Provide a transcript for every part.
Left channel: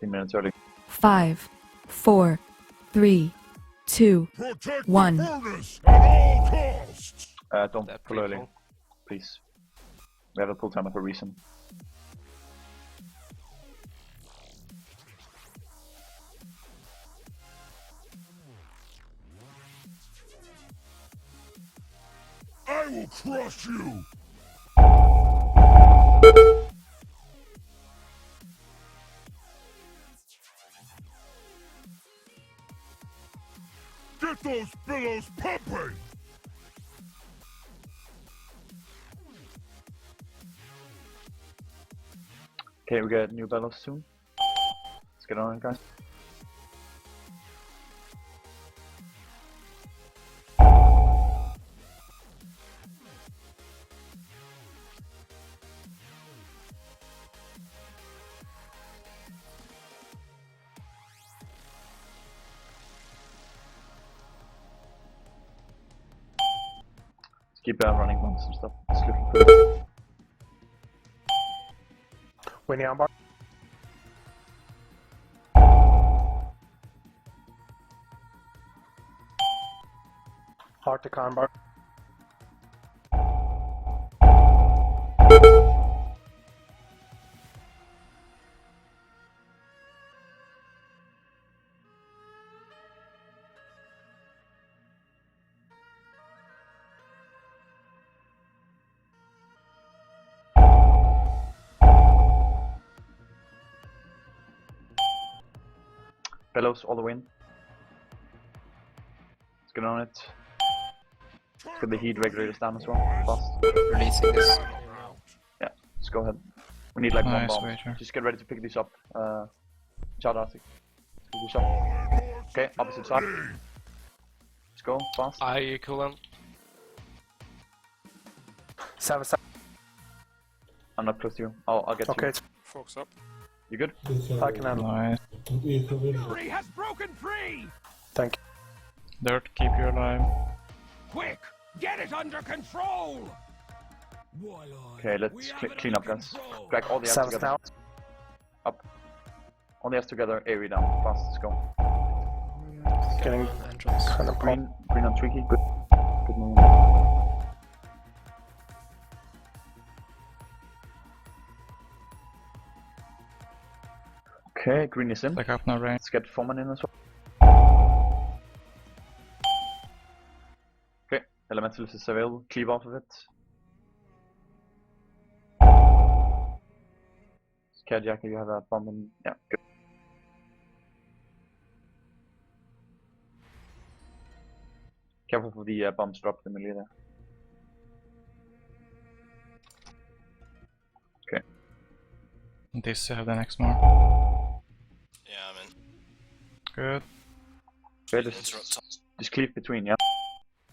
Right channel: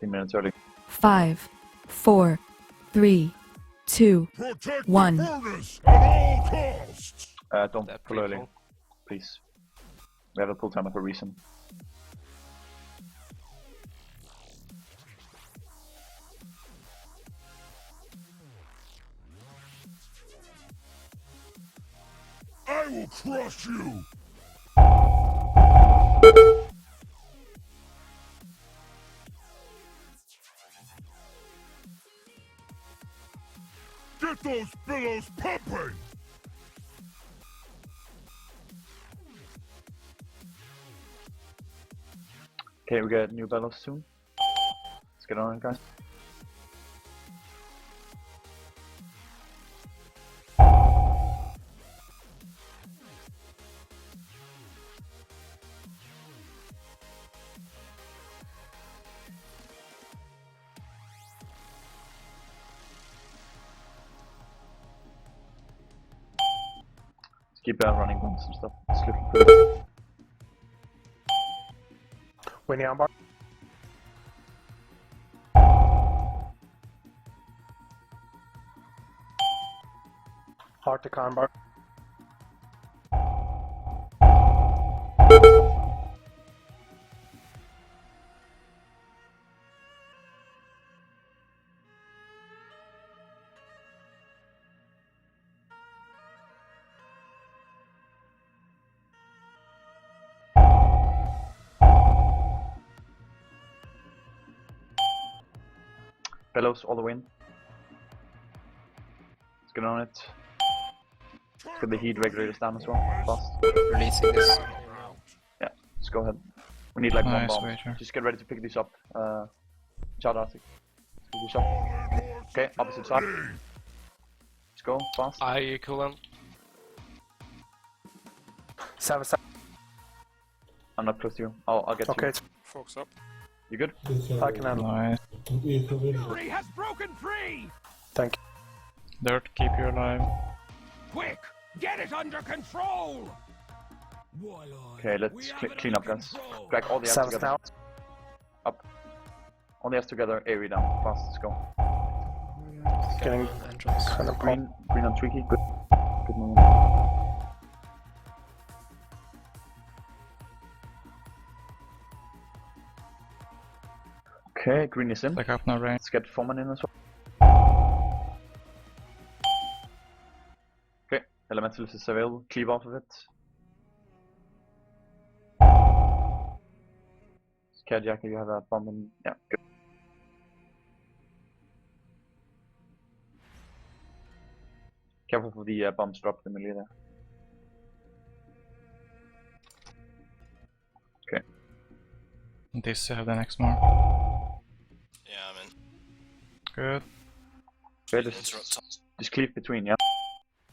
15 minutes early. 5, 4, 3, 2, Protect 1. the furnace at all costs! Don't That pull early, people. please. We have a pull timer for a reason. I will crush you! Get those billows pumping! Okay, we get new bellows soon. Let's get on it, guys. Let's keep running bombs and stuff. It's looking pretty. Winnie armbar. Arctic armbar. Bellows all the way in. Let's get on it. Let's get the heat regulators down as well. Fast. Releasing this. Yeah, let's go ahead. We need like one Nice, bomb. Wager. Just get ready to pick these up. Shout Arctic. Let's pick these up. Okay, opposite side. Let's go, fast. I coolant. 7. I'm not close to you. I'll get Okay, you. it's Focus up. You good? I can handle. Nice. Fury has broken free! Thank Dirt, keep you alive. Quick, get it under control! Okay, let's clean up, guys. Drag all the you. ass 7 together. now. Up. All the ass together, AoE down. Fast, let's go. Getting entrance. kind of Green on Tweaky. Good. Good movement. Okay, green is in. Back up now, Rain. Let's get Foreman in as well. Okay, Elementalist is available. Cleave off of it. Cardiac, you have a bomb in. Yeah, good. Careful for the bombs drop in the middle there. Okay. This have the next more. Yeah, I'm in. Good. Okay, just cleave between, yeah?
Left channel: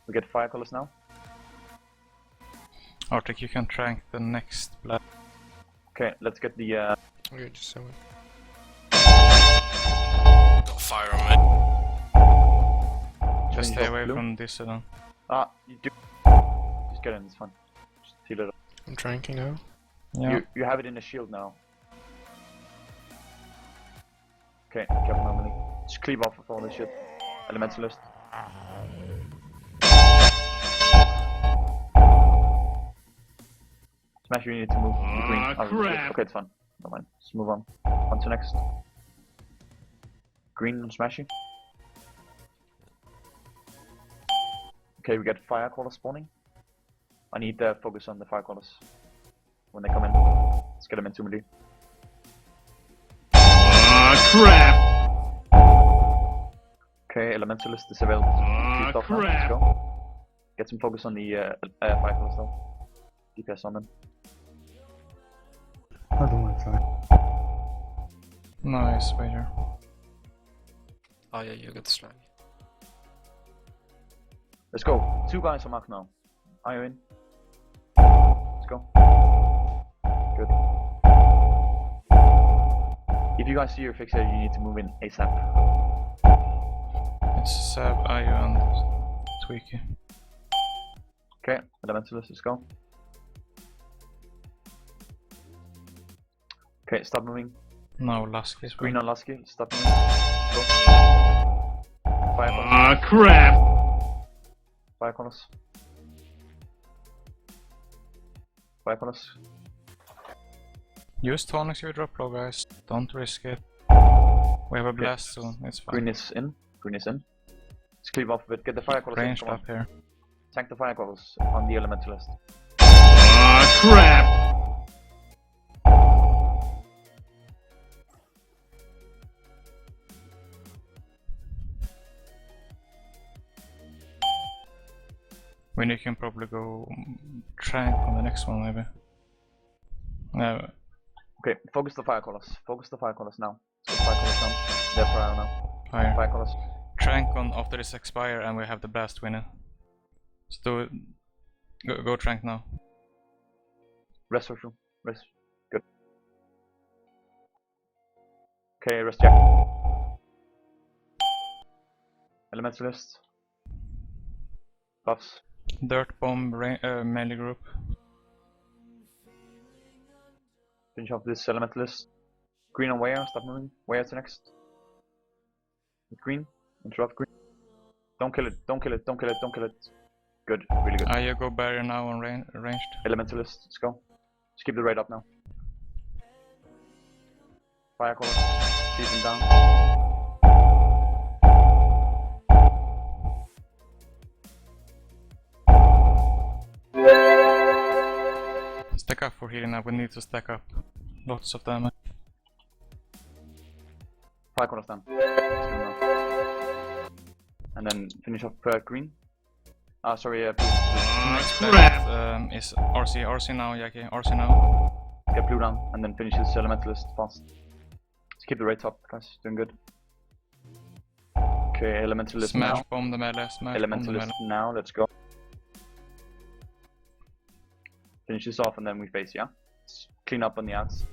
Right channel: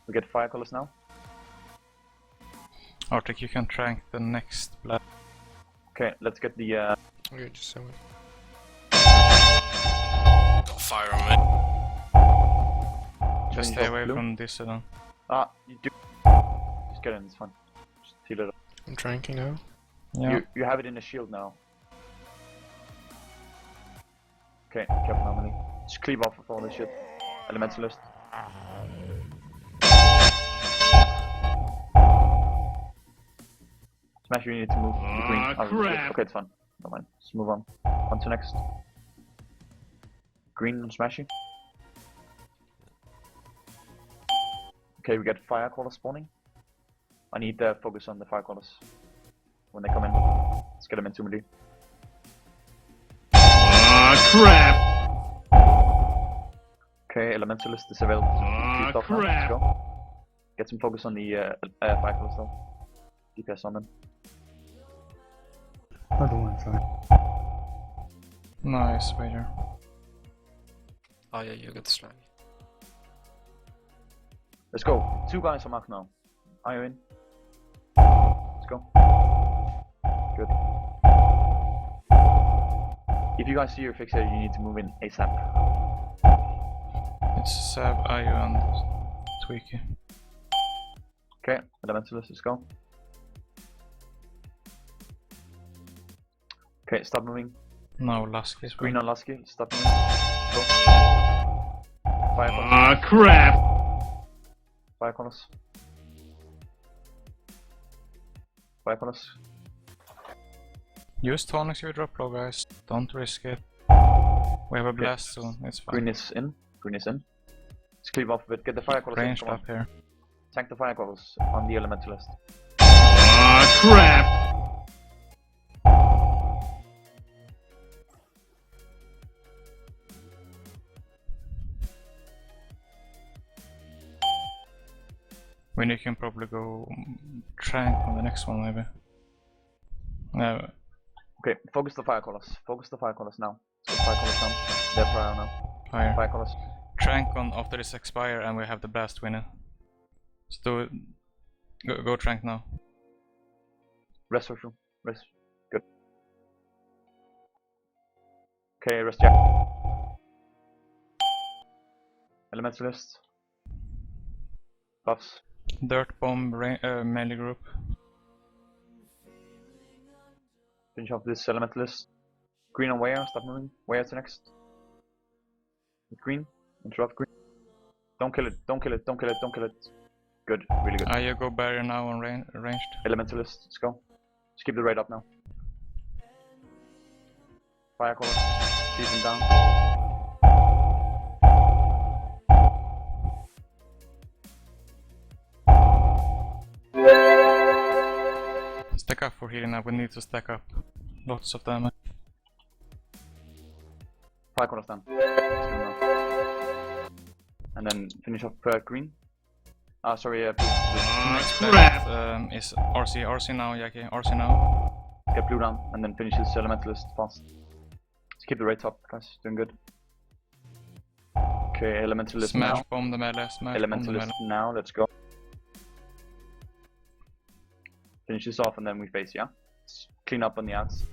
We get fire colors now. Arctic, you can trank the next blood. Okay, let's get the Okay, just so got fire on me. Just finish stay off away blue. from this then. you do. Just get in, it's fine. Just heal it up. I'm tranking now. Yeah. You have it in a shield now. Okay, careful normally. Just cleave off of all this shit. Elementalist. Smash, you need to move the green. out of the shit. Okay, it's fine. Never mind. Let's move on. On to next. Green on Smashy. Okay, we get fire callers spawning. I need to focus on the fire callers when they come in. Let's get them into melee. Crap! Okay, Elementalist is available. Keep off now. Let's go. Get some focus on the fire callers though. DPS on them. I don't want to try. Nice, Wager. Oh yeah, you got the slag. Let's go. 2 guys on mark now. Are you in? Let's go. Good. If you guys see your fixator, you need to move in ASAP. It's Sab, Ayu, and Tweaky. Okay, Elementalist, let's go. Okay, stop moving. No, Lasky is Green fine. on Lasky. Stop moving. Go. Fire colors. Ah, crap! Fire colors. Fire colors. Use tonics if you drop low, guys. Don't risk it. We have a blast soon, it's fine. Green is in. Green is in. Let's cleave off a bit. Get the fire colors in. Ranged Come on. up here. Tank the fire colors on the elementalist. Ah, crap! When you can probably go trank on the next one, maybe. No, Okay, focus the fire colors. Focus the fire colors now. So fire colors down. They're fire now. fire. Fire colors. Trank on after this expire, and we have the blast winner. Let's do it. Go trank now. Rest for sure. Rest. Good. Okay, rest Jack. Elementalist. Buffs. Dirt bomb melee group. Finish off this elementalist. Green on Wire, stop moving. Wire to next. With green. Interrupt green. Don't kill it, don't kill it, don't kill it, don't kill it. Good, really good. You go barrier now on ranged. Elementalist, let's go. Just keep the raid up now. Fire colors. Season down. Stack up for healing now, we need to stack up. Lots of damage. Fire colors down. Let's do it now. And then finish off green. Ah, sorry, blue. Next crap. blast is RC now, Jackie, RC now. Get blue down, and then finish this elementalist fast. Let's keep the rates up, guys. Doing good. Okay, elementalist Smash now. bomb the melee, smash bomb the Elementalist melee. now, let's go. Finish this off and then we face, yeah? Let's clean up on the outs.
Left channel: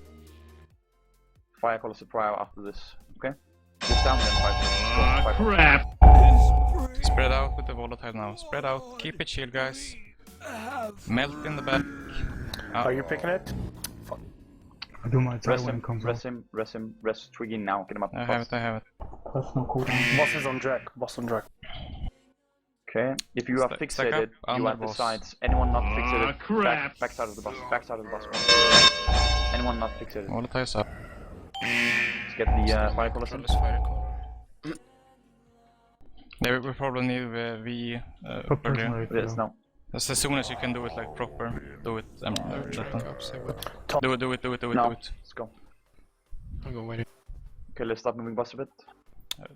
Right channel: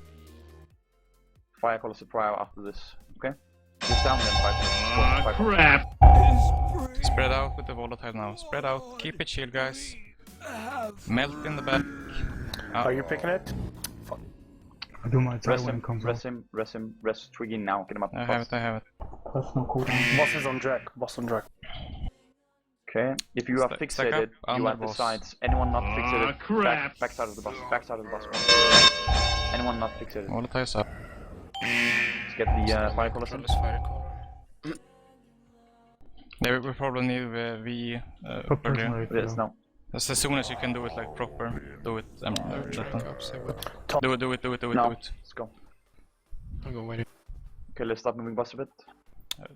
Fire colors to prior after this, okay? This down, then fire colors. Let's go, Ah, fire colors. crap! Spread out with the volatile now. Spread out. Keep it chill, guys. Melt in the back. Are you picking it? I do my try Rest when him, it comes rest him, rest him, rest Twiggy now, get him up I have fast. it, I have it. Personal cooldown. Boss is on Drek. Boss on Drek. Okay, if you are Stack up, fixated, you under are the boss. sides. Anyone not fixated, crap. backside of the bus, backside of the bus. Anyone not fixated. Volatile's up. Let's get the fire colors in. Control is fire color. There we probably need V Put personal earlier. rate Yes, down. no. As soon as you can do it like proper, do it. Drink up, say what. Do it. No, Do it. let's go. I'll go wait. Okay, let's start moving bus a bit.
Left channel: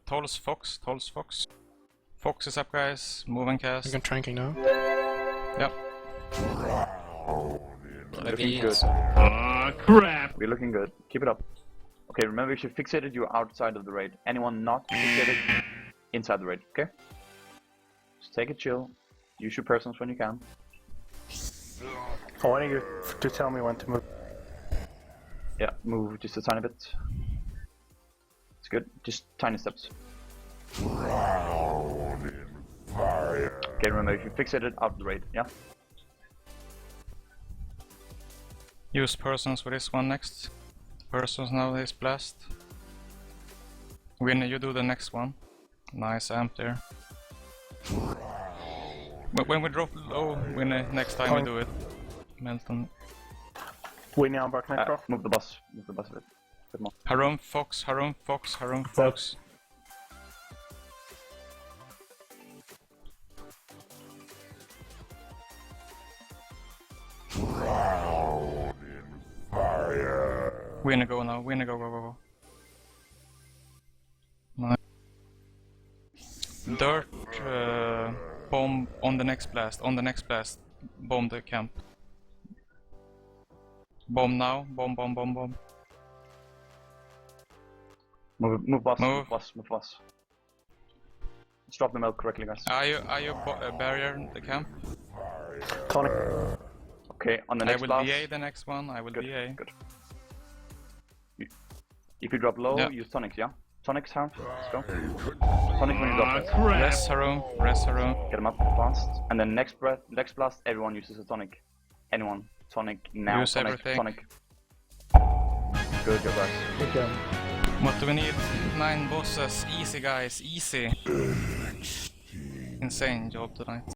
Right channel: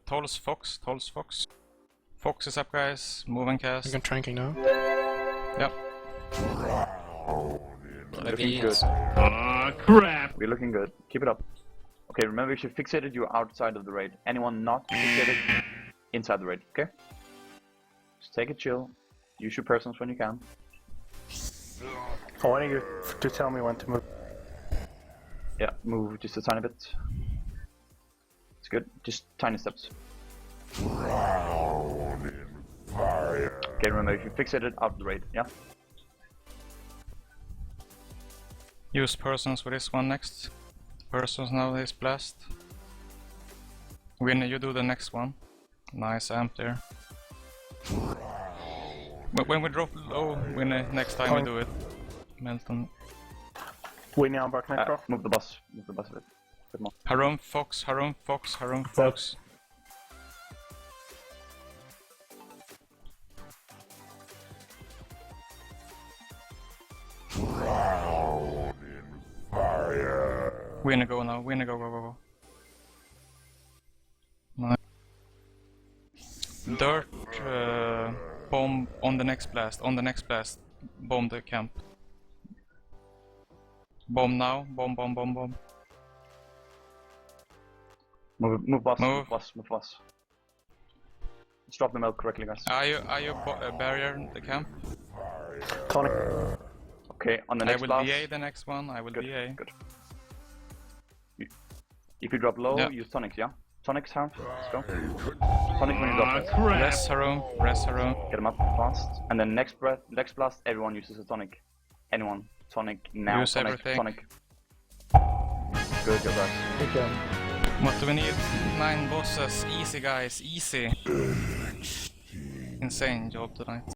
Tolls Fox. Fox is up, guys. Move and You cast. can tranking now. Yep. Looking good. Ah, crap! We're looking good. Keep it up. Okay, remember if you're fixated, you're outside of the raid. Anyone not fixated, inside the raid, okay? Just take it chill. Use your persons when you can. I want you to tell me when to move. Yeah, move just a tiny bit. It's good. Just tiny steps. Okay, remember if you're fixated, out of the raid, yeah? Use persons for this one next. Persons now is blast. Winner, you do the next one. Nice amp there. When we drop low, Winner, next time we do it. Melton. Winnie on Bark Necro. Move the bus. Move the bus a bit. Bit more. Harum Fox, Harum Fox, Harum Fox. Winner go now, winner go. Nice. Dirt bomb on the next blast, bomb the camp. Bomb now, bomb. Move bus, Move. move bus. Let's drop the milk correctly, guys. Are you barrier the camp? Tonic. Okay, on the I next will blast. BA the next one, I will Good, BA. good. If you drop low, Yeah. use tonics, yeah? Tonics, Harm. Let's go. Tonic when you drop it. Rest Harum. Get them up fast. And then next blast, everyone uses a tonic. Anyone. Tonic now. Use Tonic, everything. tonic. Good guys. Good job. What do we need? 9 bosses. Easy guys, easy. Insane job tonight.